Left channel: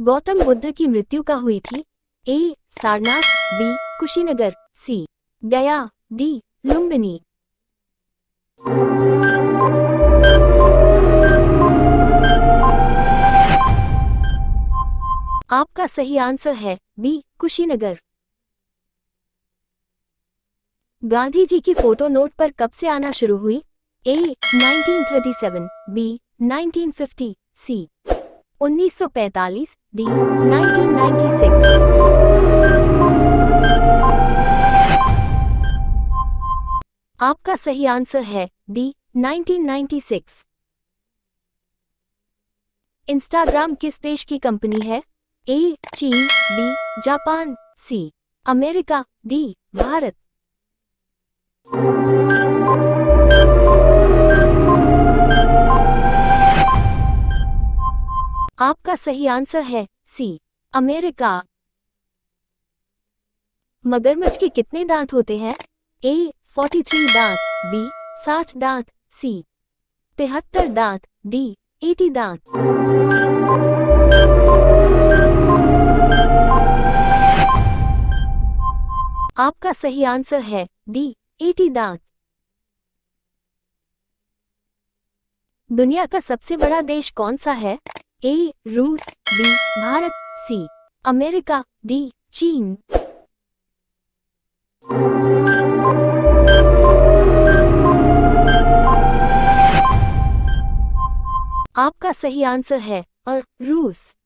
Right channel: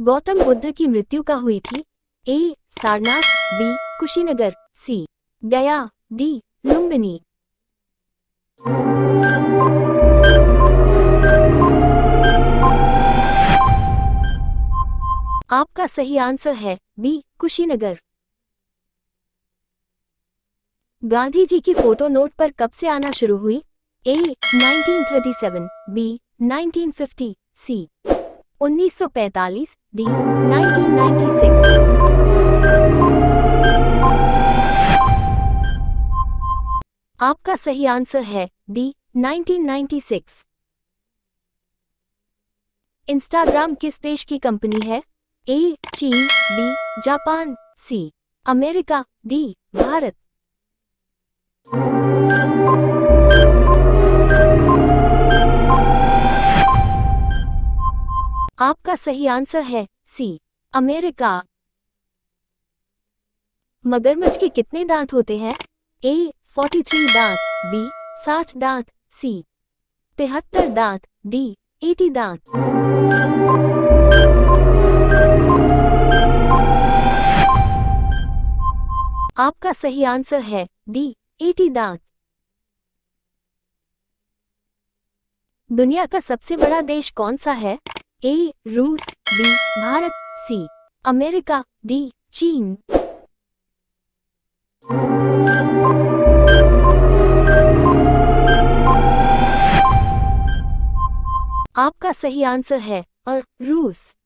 गौतम बुद्ध की मृत्यु कहाँ हुई थी? ए. सारनाथ, बी. कुशीनगर, सी. गया, डी. लुम्बिनी। आपका सही आंसर है बी. कुशीनगर। गांधी जी की फोटो नोट पर कब से आना शुरू हुई? ए. 1937, बी. 1950, सी. 1945, डी. 1996। आपका सही आंसर है डी. 1996। इंस्टाग्राम किस देश की कंपनी है? ए. चीन, B. Japan, C. America, D. Bharat. आपका सही आंसर है सी. अमेरिका। मगरमच्छ के कितने दांत होते हैं? ए. 43 दांत, बी. 60 दांत, सी. 73 दांत, डी. 80 दांत। आपका सही आंसर है डी. 80 दांत। दुनिया का सबसे बड़ा देश कौन सा है? ए. रूस, B. Bharat, C. America, D. चीन। आपका सही आंसर है और रूस।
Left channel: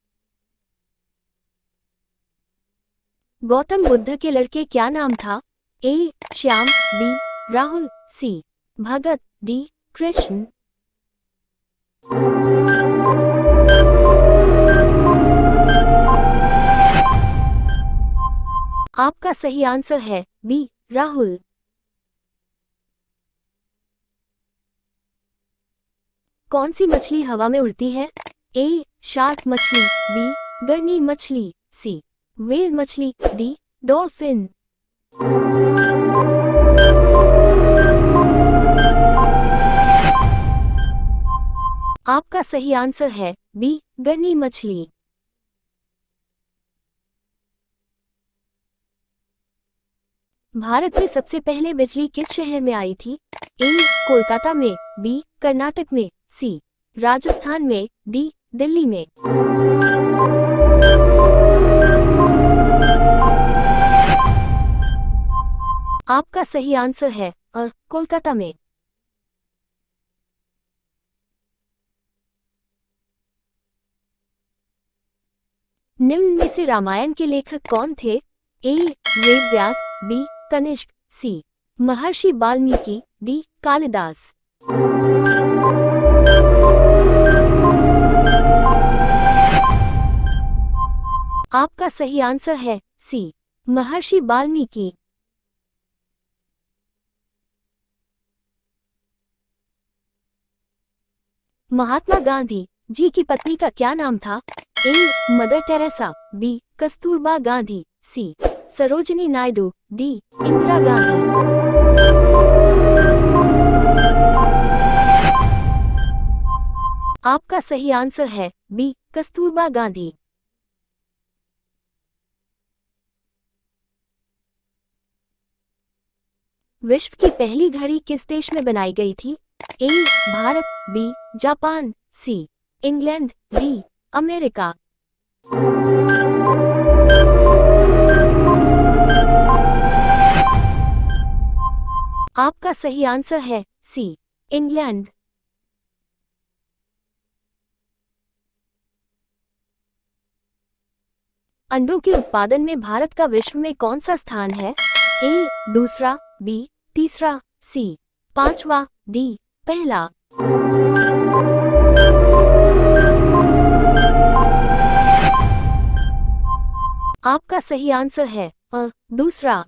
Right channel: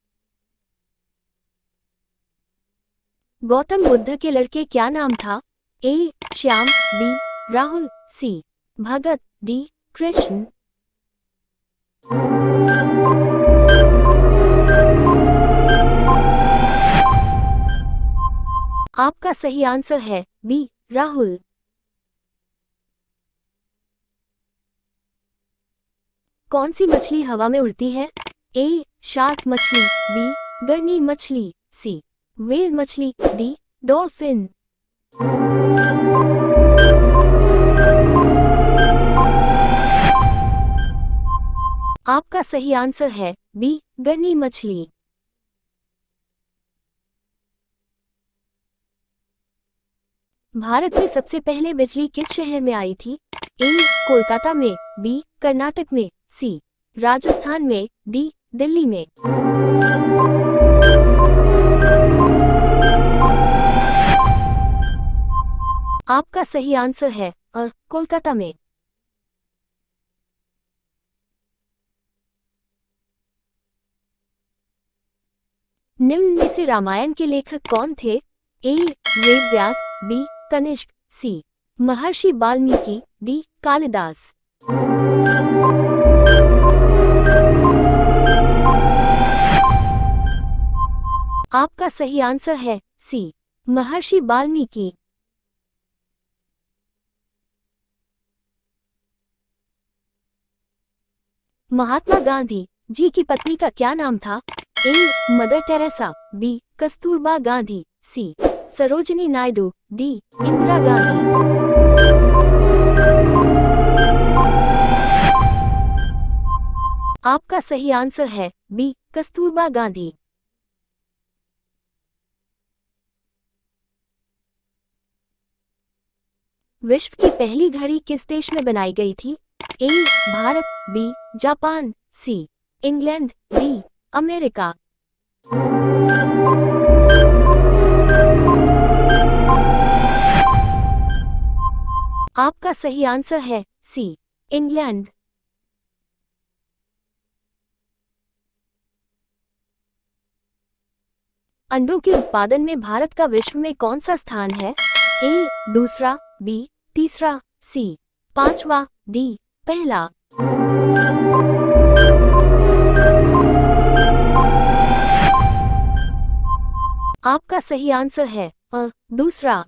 गौतम बुद्ध के लड़के क्या नाम था? ए. श्याम, बी. राहुल, सी. भगत, डी. कृष्ण। आपका सही आंसर है बी. राहुल। कौन सी मछली हवा में उड़ती है? ए. शार्क मछली, बी. गर्नी मछली, सी. व्हेल मछली, डी. डॉल्फिन। आपका सही आंसर है बी. गर्नी मछली। भारत में सबसे पहले बिजली किस शहर में आई थी? ए. कोलकाता में, बी. कर्नाटक में, सी. राजस्थान में, डी. दिल्ली में। आपका सही आंसर है और कोलकाता में। निम्न में से रामायण के लेखक कौन थे? ए. वेद व्यास, बी. कनिष्क, सी. महर्षि वाल्मीकि, डी. कालिदास। आपका सही आंसर है सी. महर्षि वाल्मीकि। महात्मा गांधी जी की पत्नी का क्या नाम था? A. Mother Teresa, B. Kasturba Gandhi, C. Sarojini Naidu, D. Indira Gandhi. आपका सही आंसर है बी. कस्तूरबा गांधी। विश्व की पहली घड़ी किस देश में बनाई गई थी? A. Bharat, B. Japan, C. England, D. America. आपका सही आंसर है सी. इंग्लैंड। अंडों के उत्पादन में भारत का विश्व में कौन सा स्थान है? ए. दूसरा, बी. तीसरा, सी. पांचवा, डी. पहला। आपका सही आंसर है और दूसरा।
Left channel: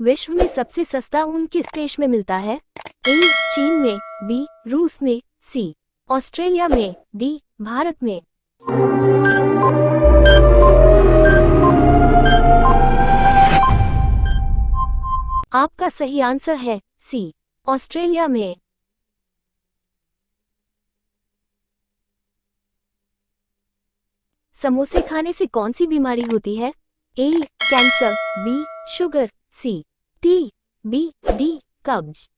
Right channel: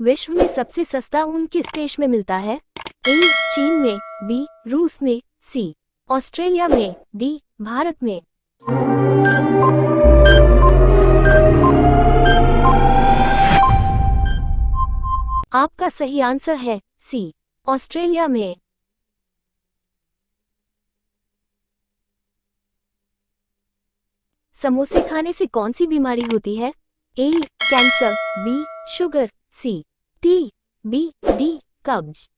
विश्व में सबसे सस्ता ऊन किस देश में मिलता है? ए. चीन में, बी. रूस में, सी. ऑस्ट्रेलिया में, डी. भारत में। आपका सही आंसर है सी. ऑस्ट्रेलिया में। समोसे खाने से कौन सी बीमारी होती है? ए कैंसर, बी शुगर, सी टीबी, डी कब्ज।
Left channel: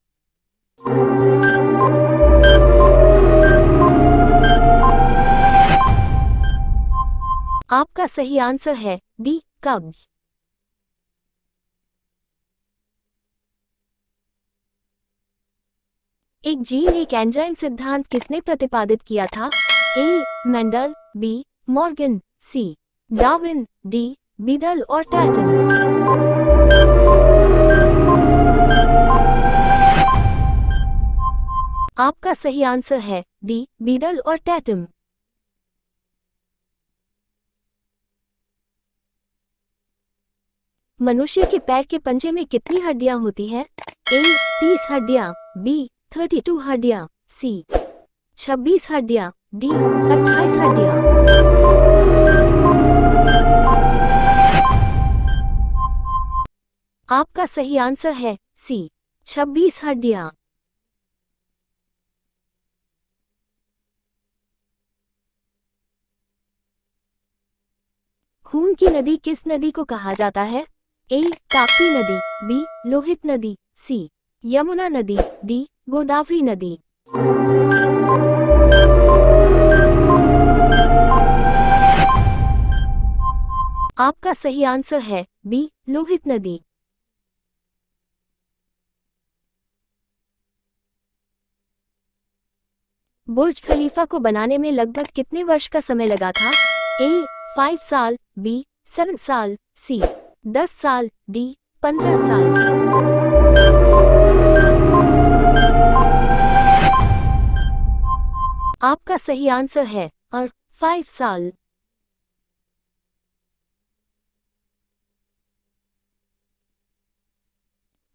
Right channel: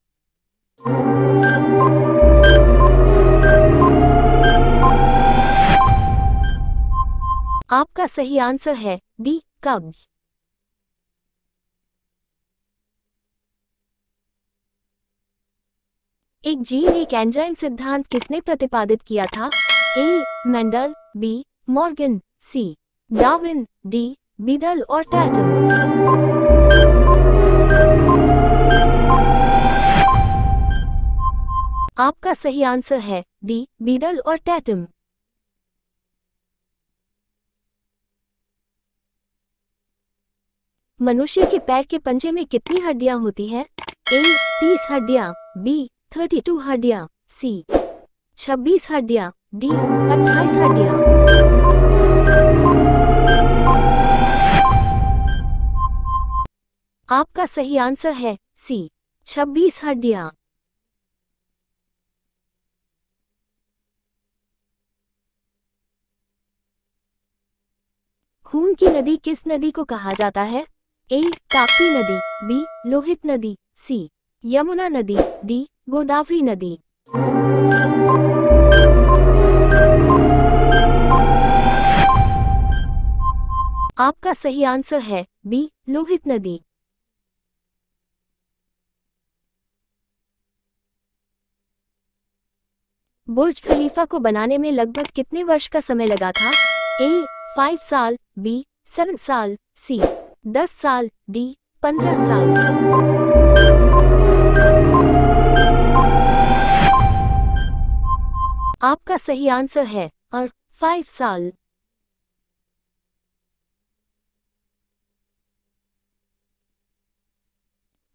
आपका सही आंसर है डी कब्ज। एक जीन एक एंजाइम सिद्धांत किसने प्रतिपादित किया था? ए मेंडल, बी मॉर्गन, सी डार्विन, डी बीडल और टैटम। आपका सही आंसर है डी बीडल और टैटम। मनुष्य के पैर के पंजे में कितनी हड्डियां होती हैं? ए 30 हड्डियां, बी 32 हड्डियां, सी 26 हड्डियां, डी 28 हड्डियां। आपका सही आंसर है सी 26 हड्डियां। खून की नदी किस नदी को कहा जाता है? ए ताप्ती नदी, बी लोहित नदी, सी यमुना नदी, डी गोदावरी नदी। आपका सही आंसर है बी लोहित नदी। बुर्ज खलीफा को बनाने में लगभग कितने वर्ष का समय लगा था? ए 5 साल, बी 7 साल, सी 10 साल, डी 15 साल। आपका सही आंसर है और 5 साल।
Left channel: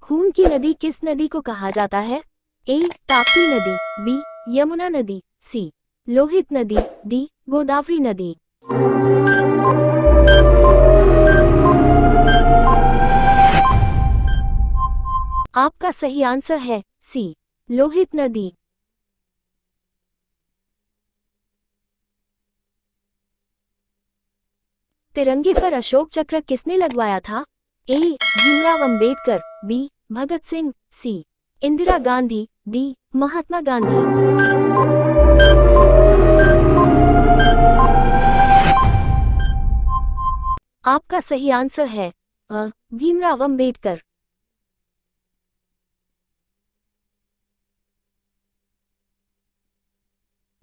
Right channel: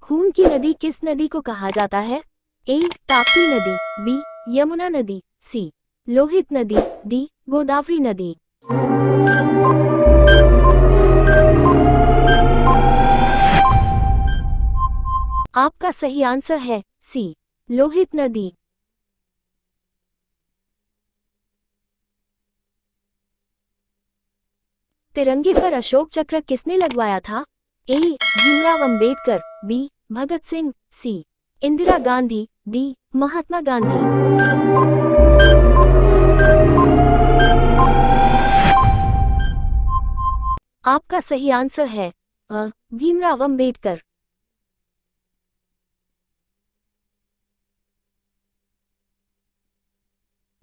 खून की नदी किस नदी को कहा जाता है? ए ताप्ती नदी, बी यमुना नदी, सी लोहित नदी, डी गोदावरी नदी। आपका सही आंसर है सी लोहित नदी। तिरंगे पर अशोक चक्र किसने लगवाया था? ए भीमराव अंबेडकर, बी भगत सिंह, सी इंदिरा गांधी, डी महात्मा गांधी। आपका सही आंसर है भीमराव अंबेडकर।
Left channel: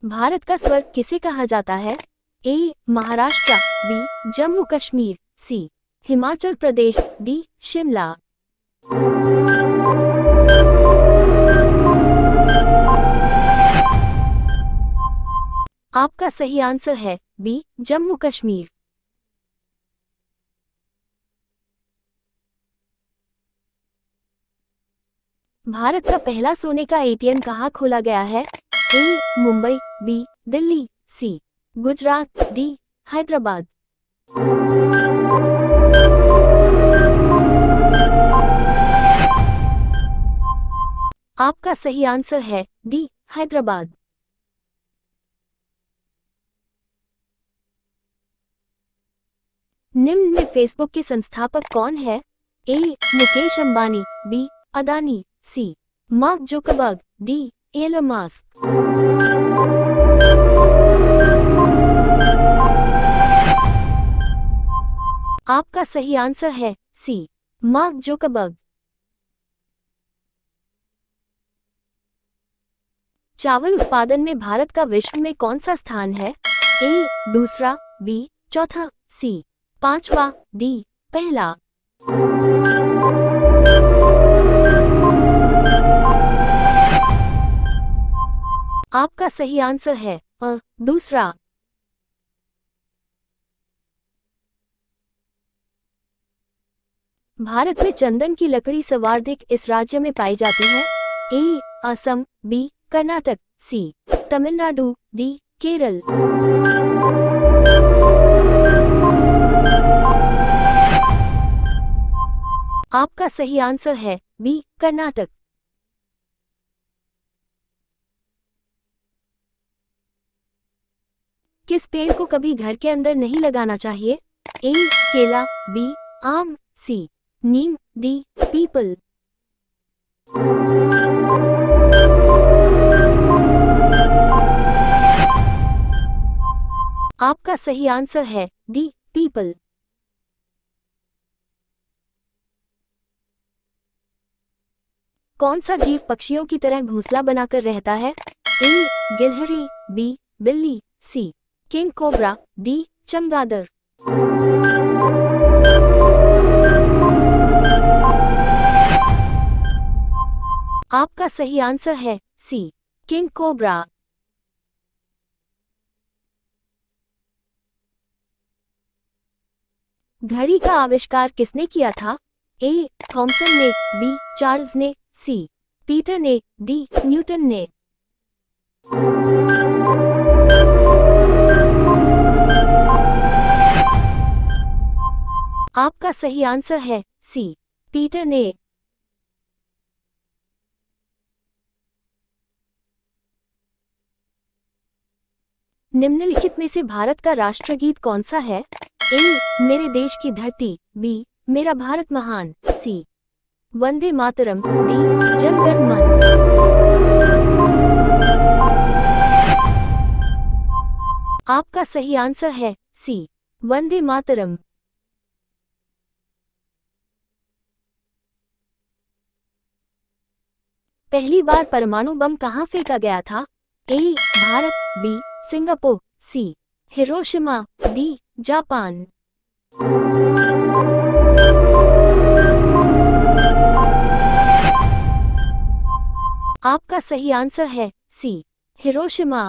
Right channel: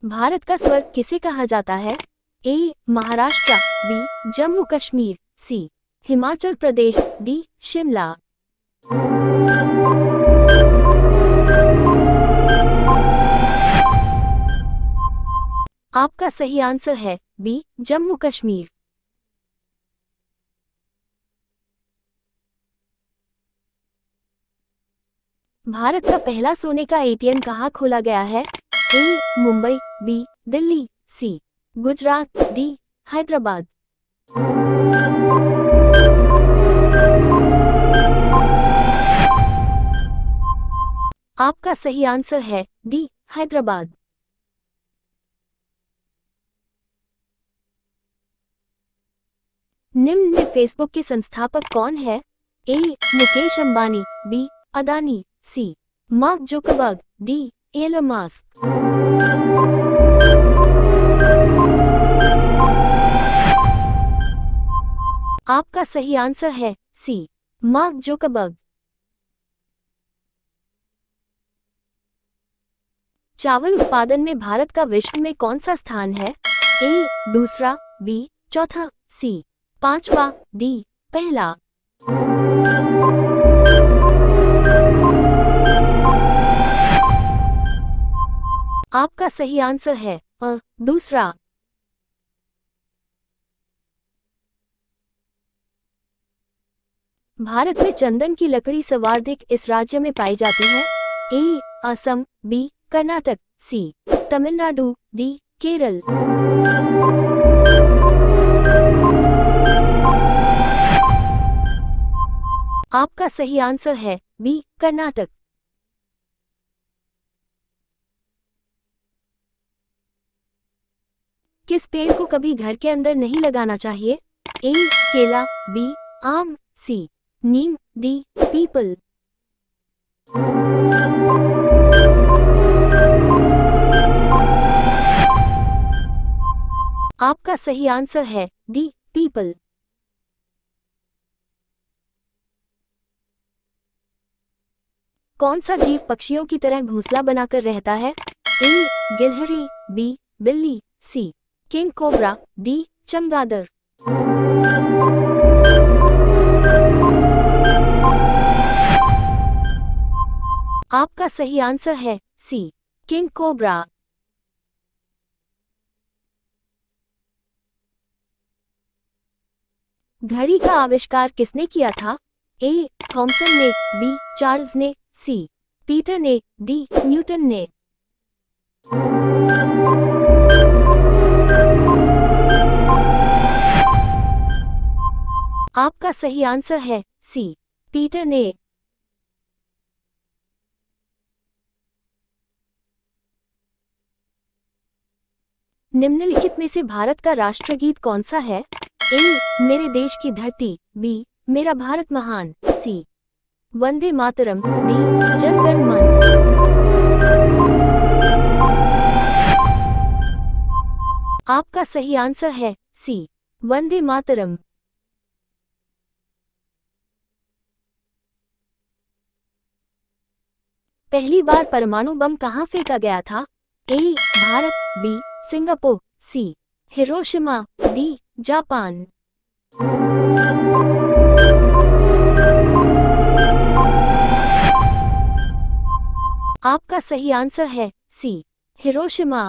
भारत का स्वर्ग किसे कहा जाता है? ए महाराष्ट्र, बी जम्मू कश्मीर, सी हिमाचल प्रदेश, डी शिमला। आपका सही आंसर है बी जम्मू कश्मीर। भारत का पहला सोने का एटीएम कहाँ खोला गया है? ए मुंबई, बी दिल्ली, सी गुजरात, डी हैदराबाद। आपका सही आंसर है डी हैदराबाद। निम्न में फेसबुक के संस्थापक कौन है? A Mukesh Ambani, B Adani, C Mark Zuckerberg, D Elon Musk. आपका सही आंसर है सी मार्क जुकरबर्ग। चावल उत्पादन में भारत का विश्व में कौन सा स्थान है? ए दूसरा, बी चौथा, सी पांचवा, डी पहला। आपका सही आंसर है दूसरा। भारत में चंदन की लकड़ी सर्वाधिक इस राज्य में पाई जाती है? ए असम, बी कर्नाटक, सी तमिलनाडु, डी केरल। आपका सही आंसर है बी कर्नाटक। किस पेड़ को कभी घर के अंदर नहीं लगाना चाहिए? ए केला, बी आम, सी नीम, डी पीपल। आपका सही आंसर है डी पीपल। कौन सा जीव पक्षियों की तरह घोंसला बनाकर रहता है? ए गिलहरी, बी बिल्ली, सी किंग कोबरा, डी चमगादड़। आपका सही आंसर है सी किंग कोबरा। घड़ी का आविष्कार किसने किया था? ए थॉमसन ने, बी चार्ल्स ने, सी पीटर ने, डी न्यूटन ने। आपका सही आंसर है सी पीटर ने। निम्नलिखित में से भारत का राष्ट्रगीत कौन सा है? ए मेरे देश की धरती, बी मेरा भारत महान, सी वंदे मातरम, डी जन गण मन। आपका सही आंसर है सी वंदे मातरम। पहली बार परमाणु बम कहां फेंका गया था? ए भारत, बी सिंगापुर, सी हिरोशिमा, डी जापान। आपका सही आंसर है सी हिरोशिमा।